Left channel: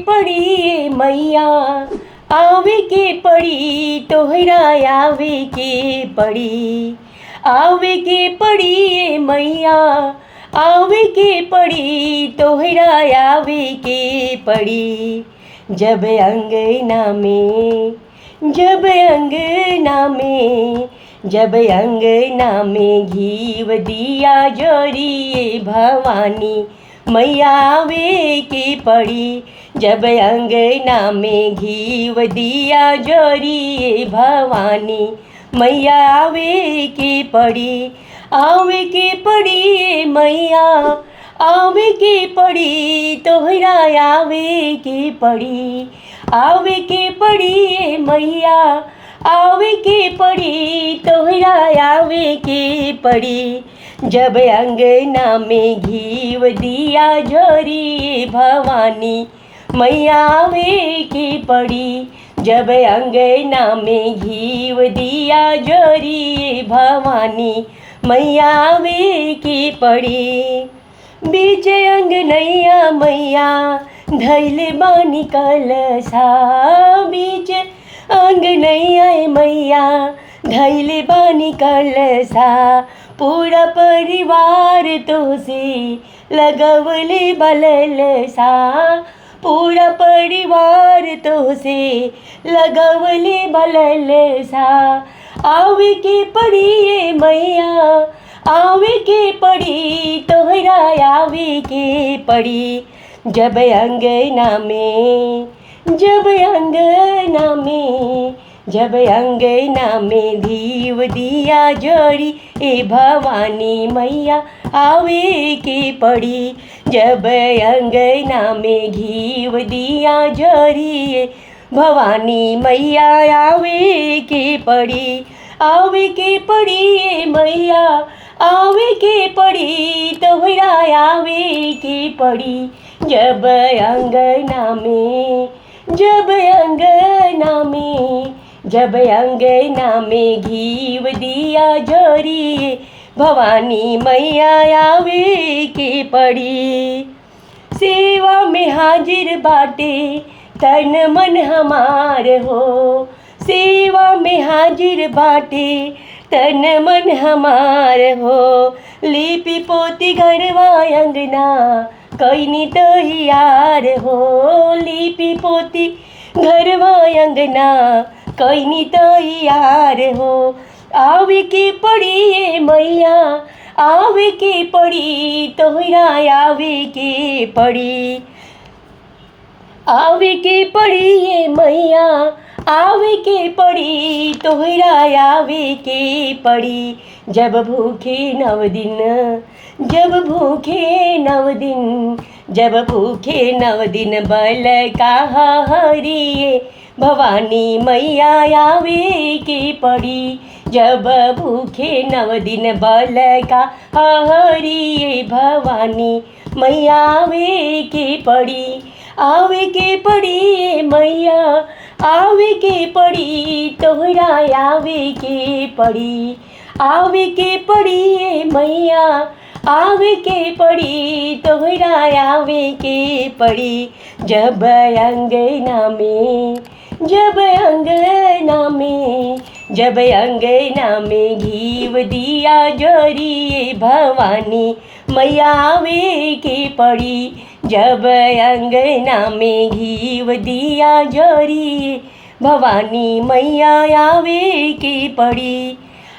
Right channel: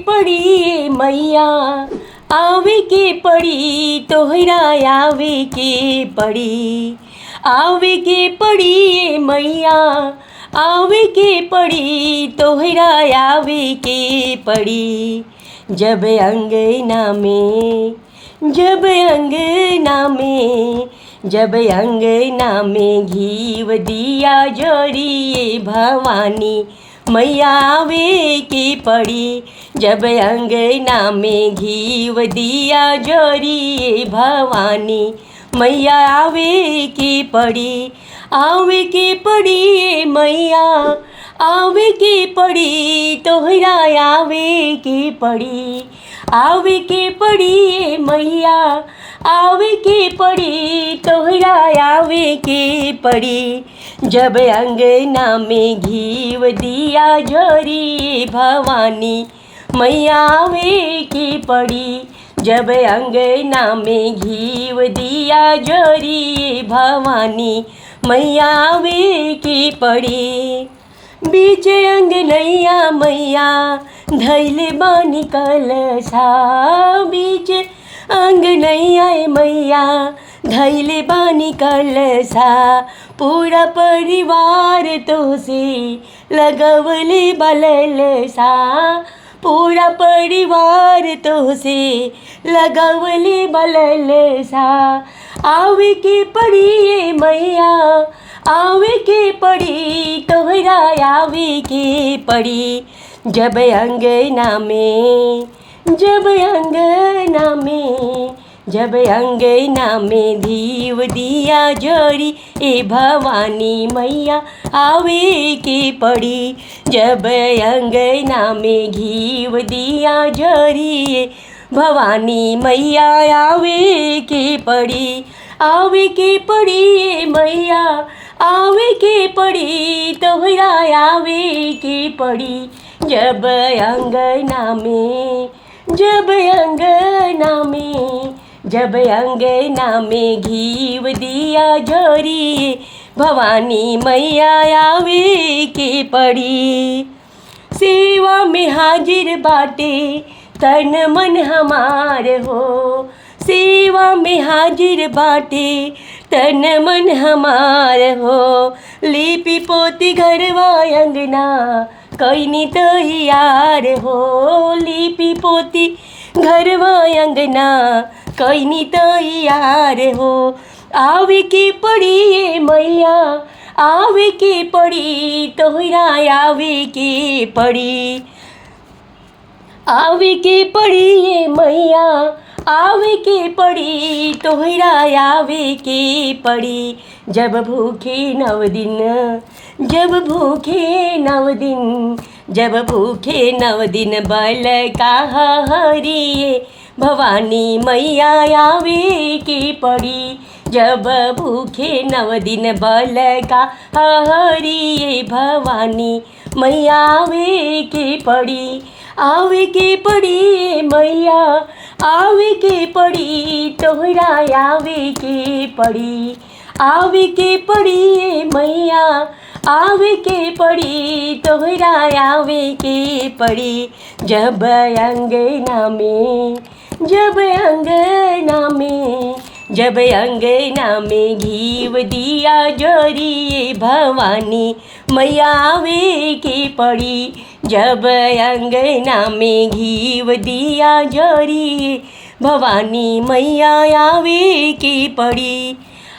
पड़ी मैया आवे के पड़ी तोहरा आवे के पड़ी। आवे के पड़ी मैया आवे के पड़ी तोहरा आवे के पड़ी। जब अंगना में जब अंगना में जब अंगना में घीव दिया जरिए भवानी मैया आवे के पड़ी। जब अंगना में घीव दिया जरिए भवानी मैया आवे के पड़ी। आवे के पड़ी मैया आवे के पड़ी तोहरा आवे के पड़ी। आवे के पड़ी मैया आवे के पड़ी तोहरा आवे के पड़ी। जब अंगना में घीव दिया जरिए भवानी मैया आवे के पड़ी। जब अंगना में घीव दिया जरिए भवानी मैया आवे के पड़ी। बीच अंगनैया मैया धैले बानी कलसा। बीच अंगनैया मैया धैले बानी कलसा। पूरा परिवार तो से लगवले बललसा। पूरा परिवार तो से लगवले बललसा। आवे के पड़ी मैया आवे के पड़ी तोहरा आवे के पड़ी। जब अंगना में जब अंगना में जब अंगना में घीव दिया जरी ए भवानी मैया आवे के पड़ी। जब अंगना में घीव दिया जरी ए भवानी मैया आवे के पड़ी। आवे के पड़ी मैया आवे के पड़ी तोहरा आवे के पड़ी। जब अंगना में जब अंगना में जब अंगना में घीव दिया जरिए भवानी मैया आवे के पड़ी। सेवा में हाजिर बाटे तन मन हमार हो। सेवा में हाजिर बाटे तन मन हमार हो। लिपि पोती घरवा अंगना कैनी तैयार हो। लिपि पोती घरवा अंगना कैनी तैयार हो। आवे के पड़ी मैया आवे के पड़ी तोहरा आवे के पड़ी। आवे के पड़ी मैया आवे के पड़ी तोहरा आवे के पड़ी। जब भूखे नव दिन जब भूखे नव दिन जब भूखे नव दिन बल कहा हरिए भवानी मैया आवे के पड़ी। जब भूखे नव दिन बल का हरिए भवानी मैया आवे के पड़ी। आवे के पड़ी मैया आवे के पड़ी तोहरा आवे के पड़ी। आवे के पड़ी मैया आवे के पड़ी तोहरा आवे के पड़ी। जब अंगना में जब अंगना में जब अंगना में घीव दिया जरिए भवानी मैया आवे के पड़ी। जब अंगना में घीव दिया जरिए भवानी मैया आवे के पड़ी।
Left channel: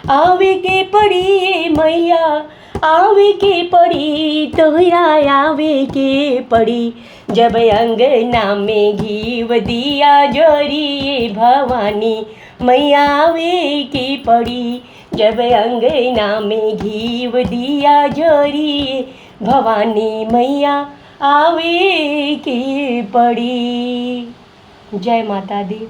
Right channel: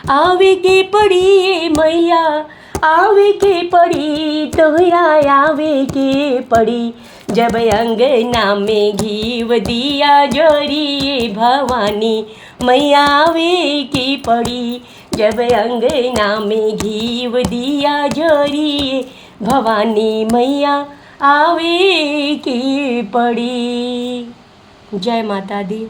आवे के पड़ी मैया आवे के पड़ी तोहरा आवे के पड़ी। जब अंगना में घीव दिया जरिए भवानी मैया आवे के पड़ी। जब अंगना में घीव दिया जरिए भवानी मैया आवे की पड़ी। जय माता दी।